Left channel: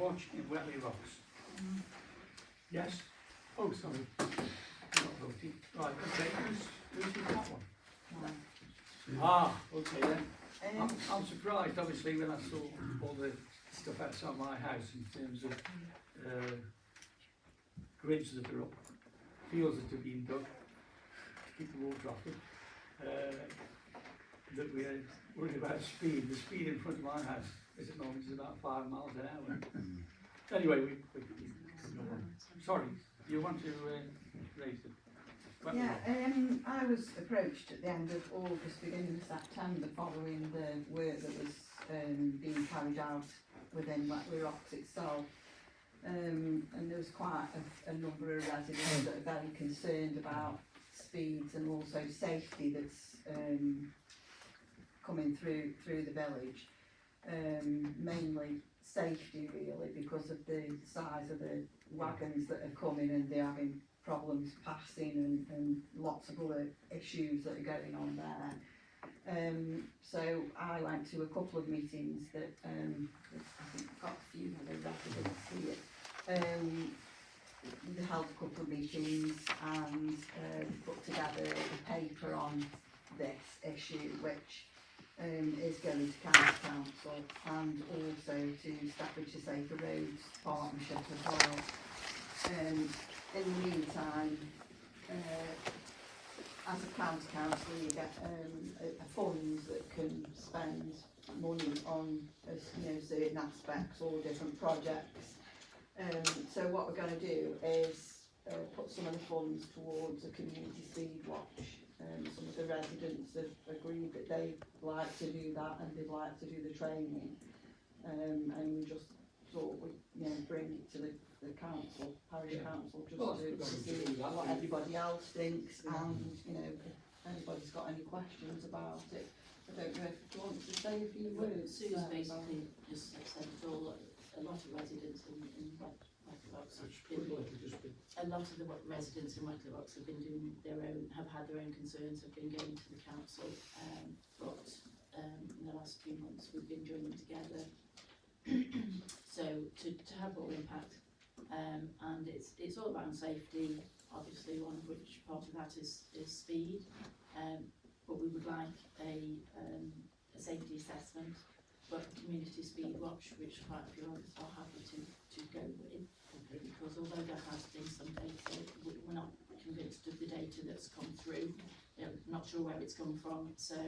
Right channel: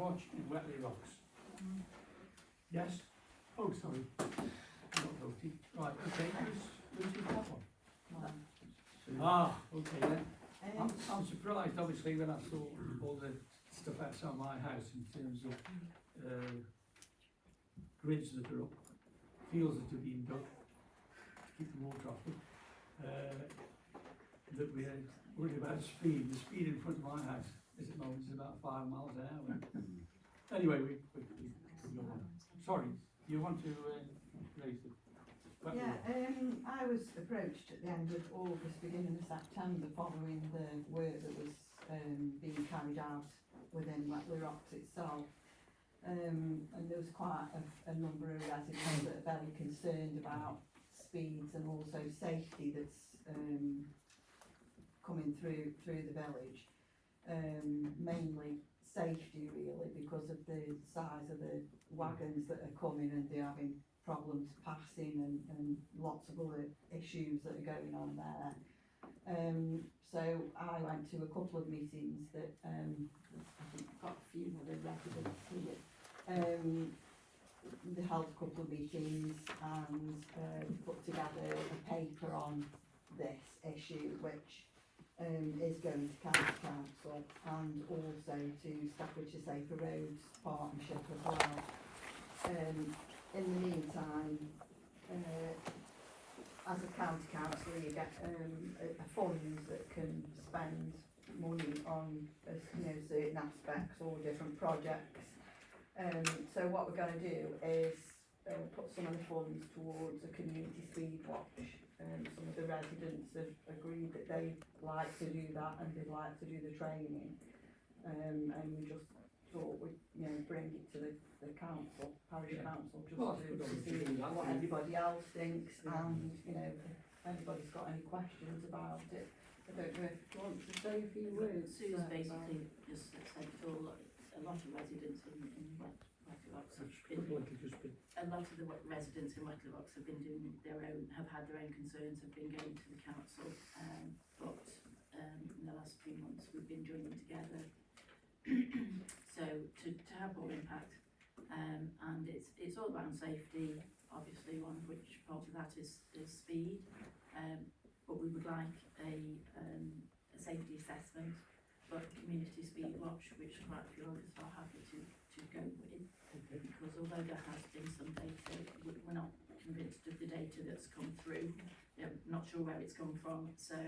watch in Wetley Rocks? Yes? Oh, sorry. I'm not voting. Right, okay, who's got one? Ah, okay then. I'm surprised, obviously, when I saw all the stuff outside my house in terms of grids that are up, fields that are being dug to keep the water off them, that we're worried about speed. The speed in front of my house is at the moment is about 5 miles an hour. Anyway, we go on. Sorry, you want to raise it? Yeah, I was approached at the end of August, beginning of September, following the work that was being carried out within Wetley Rocks itself. And there was quite a number of residents that are very concerned about speeds and also safety that's coming through the village. Mainly safety really, because of the size of the wagons that are coming and they're having problems passing and lots of other issues that are going on there. So I went to a couple of meetings that I think got a few other residents here. They held a couple of meetings and put together a paper on this issue, which is going to County Council and also to Staffordshire Safer Roads Partnership as well. In the meantime, as a county council, you get a funds that can spend money on certain aspects or different projects. So what we're going to do is put some of the funds towards a community speed watch. Some of the residents have agreed that they'd like to do that and they'd like to do the training. And we just thought we'd bring it to the council, parish council, just to see what everybody else thinks, and if anybody's got any questions about it. I don't know if you want to say a few words. Sue's basically just said that a lot of residents in Wetley Rocks have been, a lot of the residents in Wetley Rocks have been doing have had their own concerns, have been going to the council, but in the last few months we've been joining together. So to have all impact, and it's all around safety, obviously, one of which part of that is speed, but we would like a safety assessment, but a community speed watch, which quite a few of us are happy to go with, because although there has been some data, we're not convinced of the data that's come through, not sure where it's come from, so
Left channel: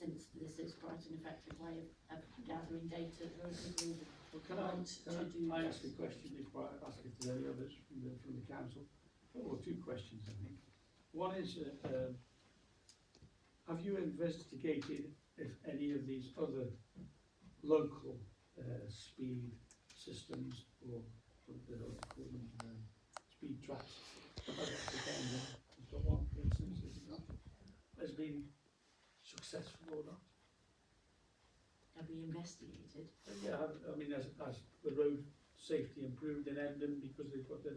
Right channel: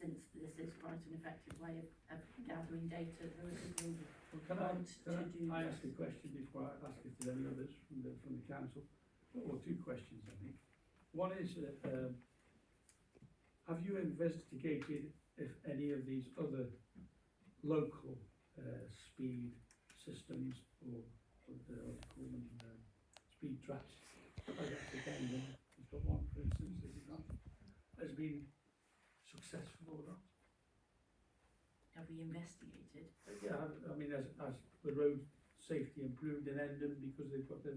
since this is quite an effective way of gathering data, well, can I ask a question before I ask if there's any others from the council? Or two questions, I think. One is, have you investigated if any of these other local speed systems or speed traps, got one for instance, is it not, has been successful or not? Have we investigated? Yeah, I mean, as the road safety improved in Endon because they've got the.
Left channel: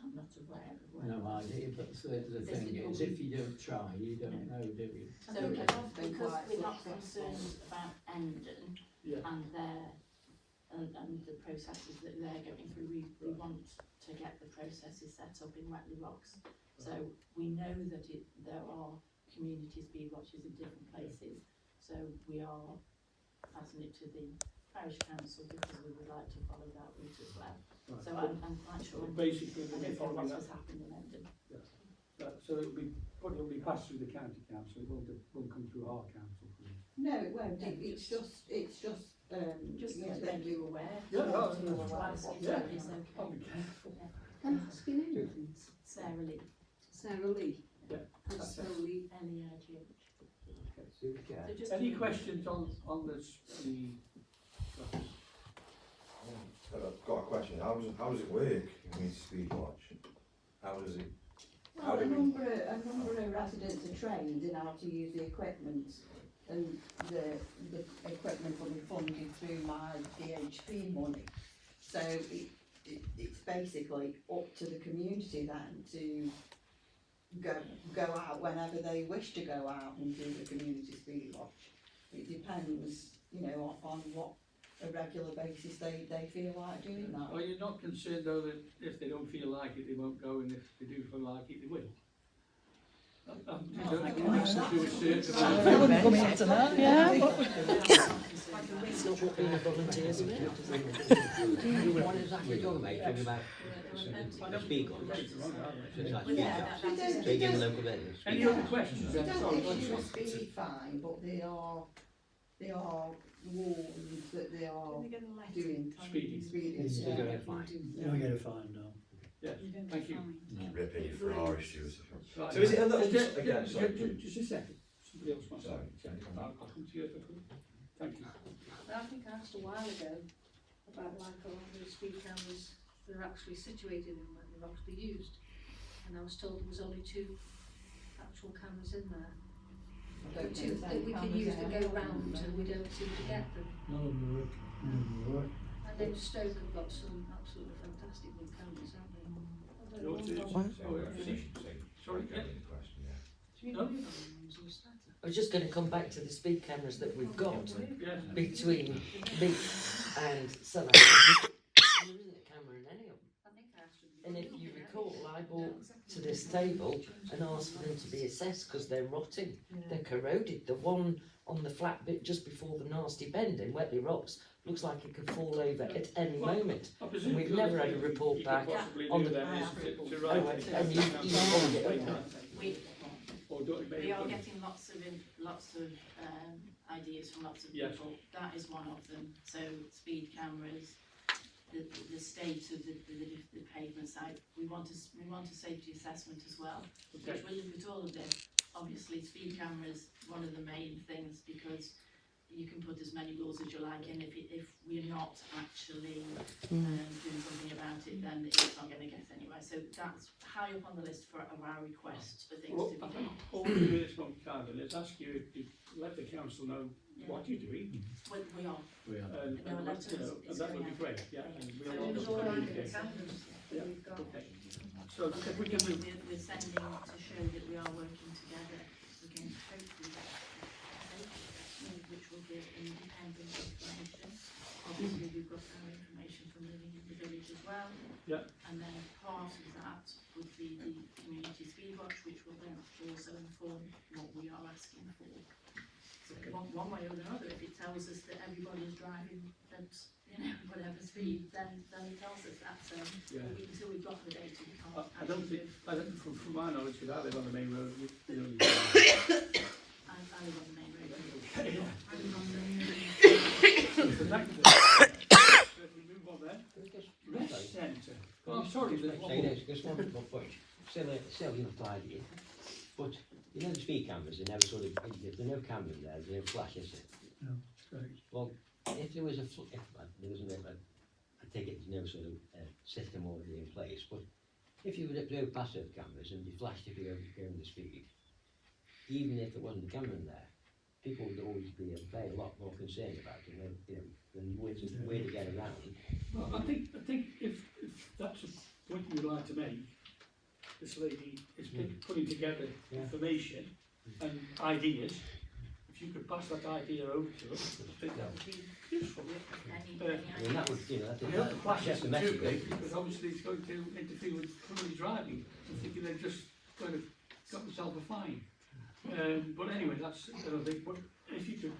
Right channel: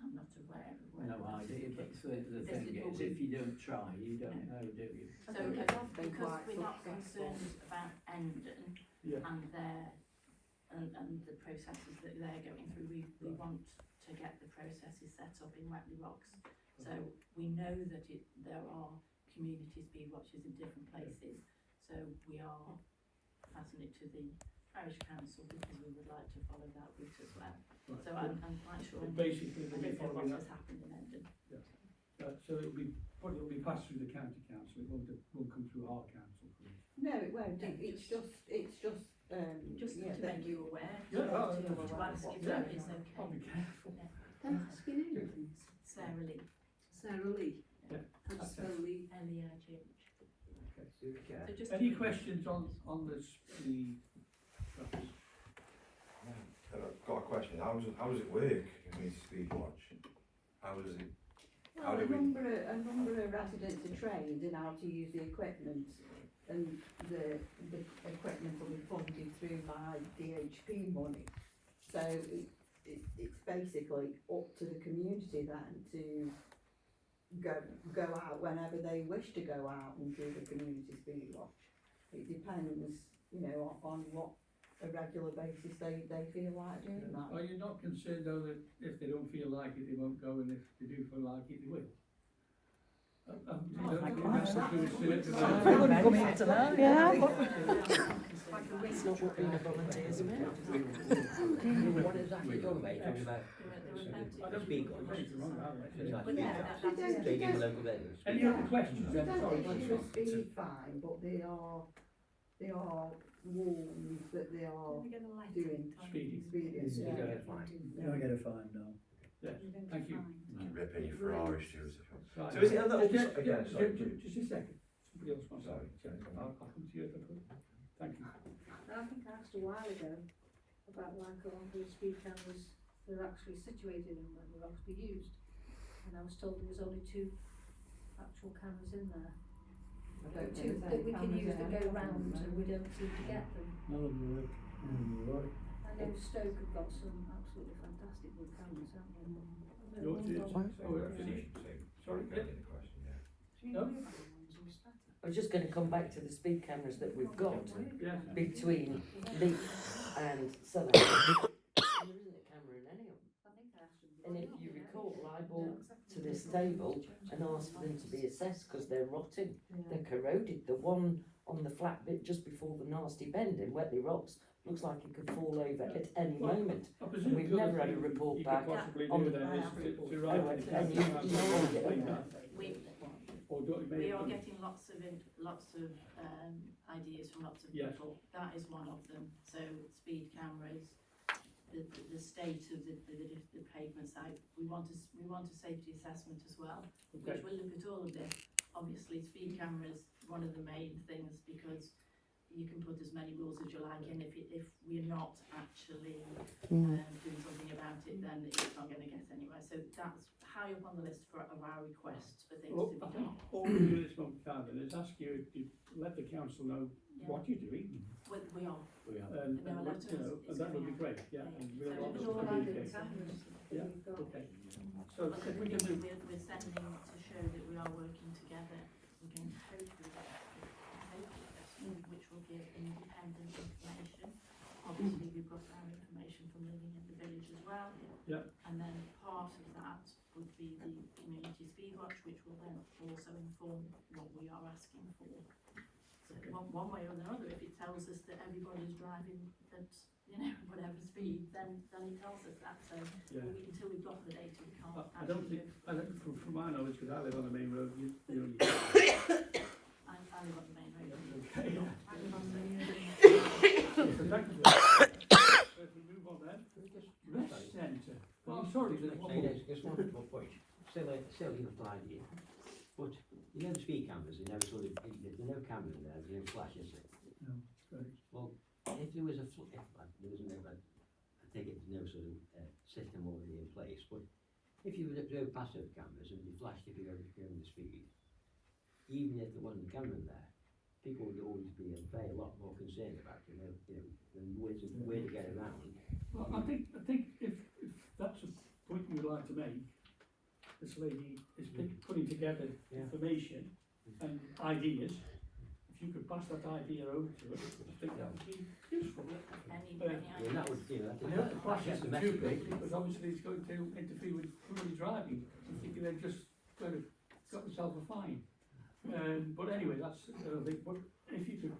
I'm not aware of where. No idea, but the thing is, if you don't try, you don't know, do you? So because we're not concerned about Endon and the processes that they're going through, we want to get the processes set up in Wetley Rocks. So we know that there are community speed watches in different places. So we are passing it to the parish council because we would like to follow that route as well. Right. So I'm quite sure. Basically, we'll be following what that. has happened in Endon. Yeah. So it'll be passed through the county council. It won't come through our council. No, it won't. It's just to make you aware. Yeah, I'll be careful. Can I ask your name, please? Sarah Lee. Sarah Lee. Yeah. And slowly. L-E-I-G-H. Okay. So just Any questions on the speed? I've got a question. How does it work? Community speed watch. How does it? Well, a number of residents are trained in how to use the equipment, and the equipment will be funded through my DHP money. So it's basically up to the community then to go out whenever they wish to go out and do the community speed watch. It depends, on what a regular basis, they feel like doing that. Are you not concerned though that if they don't feel like it, they won't go, and if they do feel like it, they will? You don't think we have to do a certain amount I of- wouldn't come here tonight, yeah. It's not what being a volunteer is about. What exactly you talking about? You're talking about speak on it. So it's like Well, yeah, speak that's on. So you give the local radios. Any other questions They then? don't Sorry, issue a speed fine, but they are warned that they are doing Speeding. speeding. You Yeah. don't get a fine. You don't get a fine, no. Yes, thank you. Ripping your Ferrari shoes. Right. So is it a little, Just- again, just- sorry. Just a second, somebody else wants to. Sorry. I'll come to you if I could. Thank you. I think I asked a while ago about like a lot of the speed cameras that are actually situated in where they're actually used. And I was told there was only 2 actual cameras in there. I don't Two know that we can use that go round. round and we don't seem to get them. No, you work, you work. And then Stoke have got some absolutely fantastic good cameras, haven't they? No, finish. Sorry, yeah. No? I was just going to come back to the speed cameras that we've got Yeah. between Leith and Sunderland. There isn't a camera in any of them. I think I asked them. And if you recall, I brought to this table and asked for them to be assessed because they're rotting, they're corroded. The one on the flat bit just before the nasty bend in Wetley Rocks looks like it could fall over at any moment. I presume We've the other never had a thing report you back could possibly on do the- then is to write Oh, it and down. We, Or do it, maybe we are put it- getting lots of ideas from lots of Yes. people. That is one of them. So speed cameras, the state of the pavement side. We want a safety assessment as well, Okay. which will look at all of this. Obviously, speed cameras one of the main things because you can put as many rules as you like in. If we're not actually doing something about it, then it's not going to get anywhere. So that's high up on the list of our requests for things Well, to be I done. think all we do at this moment, Carvin, is ask you to let the council know what you're doing, We are. and No, what, you know, and that would be great, yeah, and we'll So want it's to all over the communicate. cameras Yeah, that we've got. okay. So if we can move, We're sending to show that we are working together against hopefully which will give independent information. Obviously, we've got our information from living in the village as well. Yeah. And then part of that would be the community speed watch, which will then also inform what we are asking for. So one way or another, if it tells us that everybody's driving at whatever speed, then it tells us that. So yeah. until we've got the data, we can't. I don't think, from my knowledge, because I live on the main road, you know. I live on the main road. Okay, yeah. So thank you for that. So if we move on then, rest centre. Oh, sorry, there's one more. Just one more point. Still enough idea. But you know the speed cameras, they never sort of, there's no camera in there, there's no flash, is it? No, correct. Well, if there was a, there was I take it there's no sort of system already in place, but if you would drove past those cameras and you flashed if you're going the speed, even if there wasn't a camera in there, people would always be a lot more concerned about it, than where to get around. Well, I think if that's a point you'd like to make, this lady is putting together information and ideas. If you could pass that idea over to us, I think that would be useful. And that would, I hope the flash that's the isn't too message. big, because obviously it's going to interfere with somebody driving. I'm thinking they've just kind of got themselves a fine. But anyway, that's another thing. But if you could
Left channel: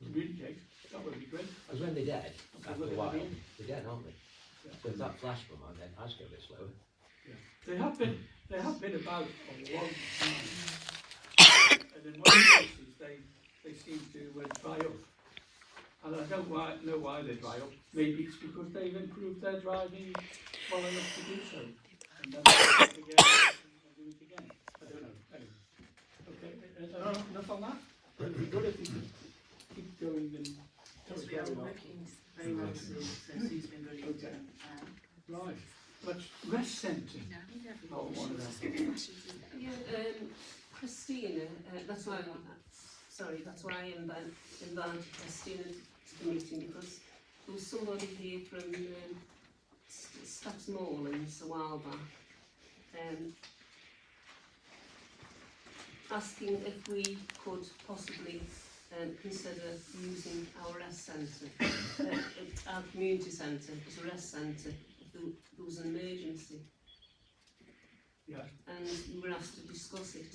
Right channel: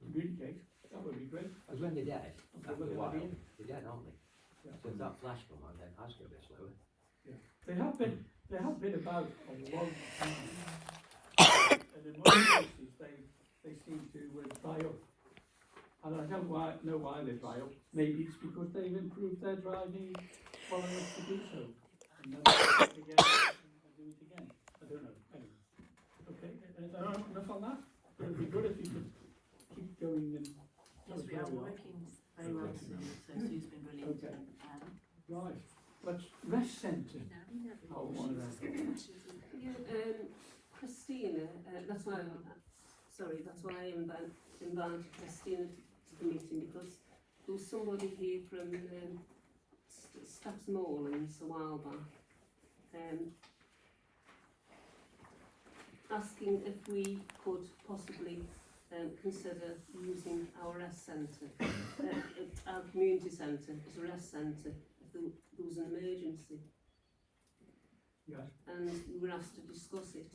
communicate, that would be great. Because when they're dead, after a while, Yeah. they're dead, aren't they? Yeah. So if that flash from on their eyes go a bit slower. They have been about a long time, and in most cases they seem to dry up. And I don't know why they dry up. Maybe it's because they've improved their driving well enough to do so. And then they do it again and do it again. I don't know. Anyway. Okay, enough on that? It would be good if we could keep going and tell us Yes, we where are we are. working very well, so Sue's been brilliant. Okay. Right. Let's rest centre. Oh, one of them. Christina, that's why I invited Christina to the meeting, because there was somebody here from Staffs Moorlands a while back, asking if we could possibly consider using our rest centre, our community centre as a rest centre if there was an emergency. Yes. And we were asked to discuss it.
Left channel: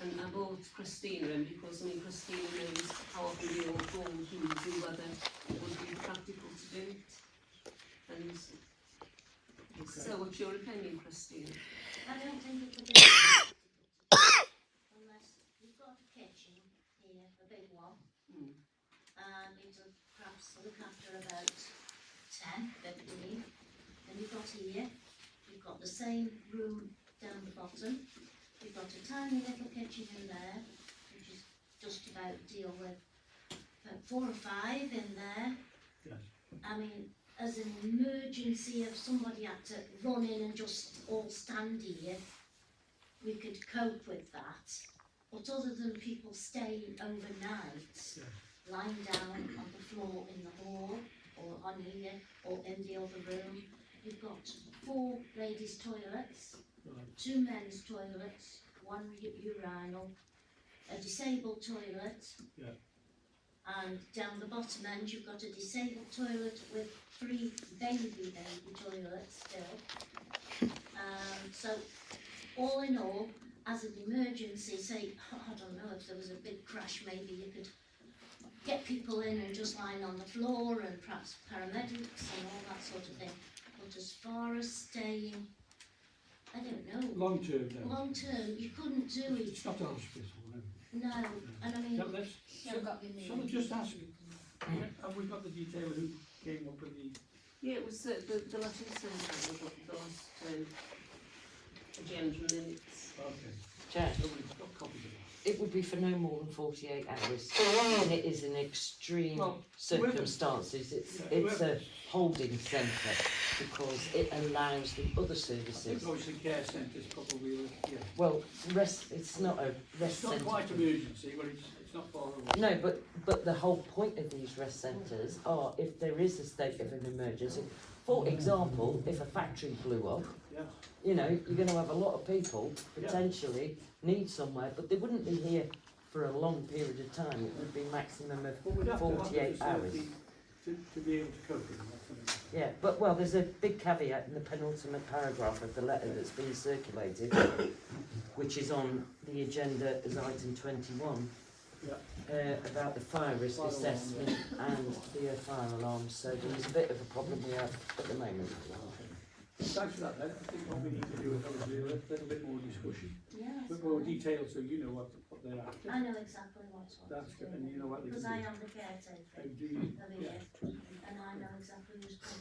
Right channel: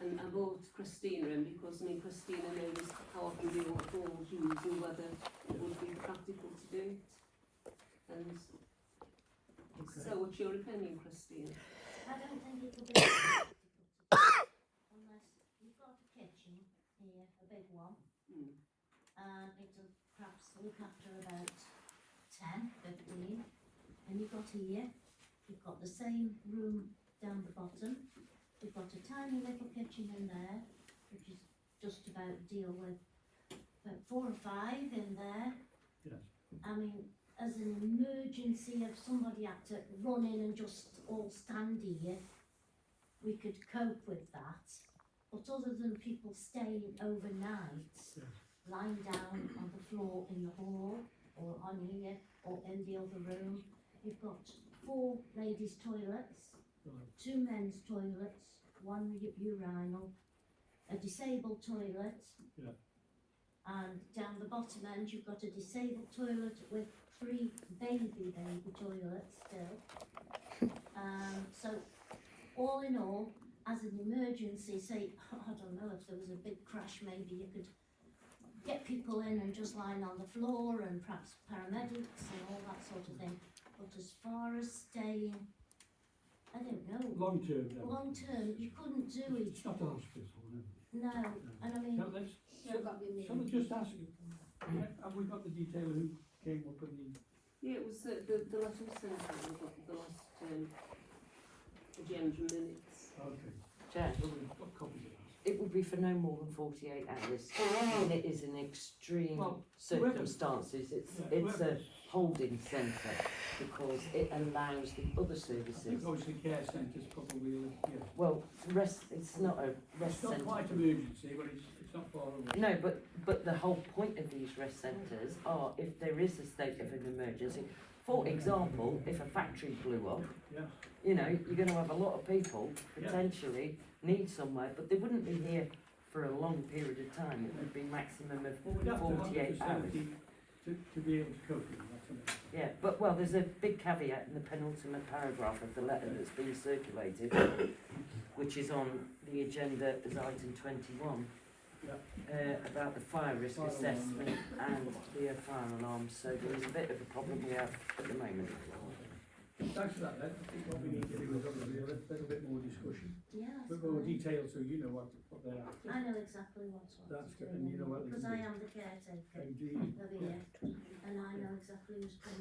And I brought Christina in because, I mean, Christina knows half of the old rules and whether it would be practical to do it. And Okay. so what's your opinion, Christina? I don't think it would be practical to do unless you've got a kitchen here, a big one, Mm. and it'll perhaps look after about 10, 15, and you've got here, you've got the same room down the bottom, you've got a tiny little kitchen in there, which is just about deal with about 4 or 5 in there. Yes. I mean, as an emergency, if somebody had to run in and just all stand here, we could cope with that. But other than people staying overnight, Yes. lying down on the floor in the hall, or on here, or in the other room, you've got 4 ladies' toilets, Right. 2 men's toilets, 1 urinal, a disabled toilet. Yeah. And down the bottom end, you've got a disabled toilet with 3 baby toilets still. So, all in all, as an emergency, say, I don't know, if there was a big crash, maybe you could get people in and just lying on the floor, and perhaps paramedics and all that sort of thing. But as far as staying, I don't know, Long term, no. long term, you couldn't do it. It's not a hospital, no. No, and I mean, Now, let's, shall I just ask, have we got the detail who came up with the, Yeah, it was the lesson centre was what the last agenda minutes. okay, Chair, so we've got copies of it. it would be for no more than 48 hours, and it is in extreme Well, circumstances. It's a holding centre because it allows the other I services. think obviously care centres probably, yeah. Well, it's not a rest It's not centre. quite emergency, but it's not far away. No, but the whole point of these rest centres are if there is a state of an emergency. For example, if a factory blew up, Yeah, you know, you're going to have a lot of people potentially need somewhere, but they wouldn't be here for a long period of time. It would be maximum but of we'd have to have the 48 hours. facility to be able to cope with it, that's what it is. Yeah, but well, there's a big caveat in the penultimate paragraph of the letter that's been circulated, which is on the agenda as item 21, about the fire risk Fire alarm, assessment and the fire alarms. So there is a bit of a problem we have at the moment. Thanks for that, Len. I think what we need to do is obviously a little bit more discussion, yeah, a bit more detail, so you know what they're after. I know exactly what to That's do. good, and you know what they Because can I do. am the caretaker Do you? of here, and I know exactly who's coming.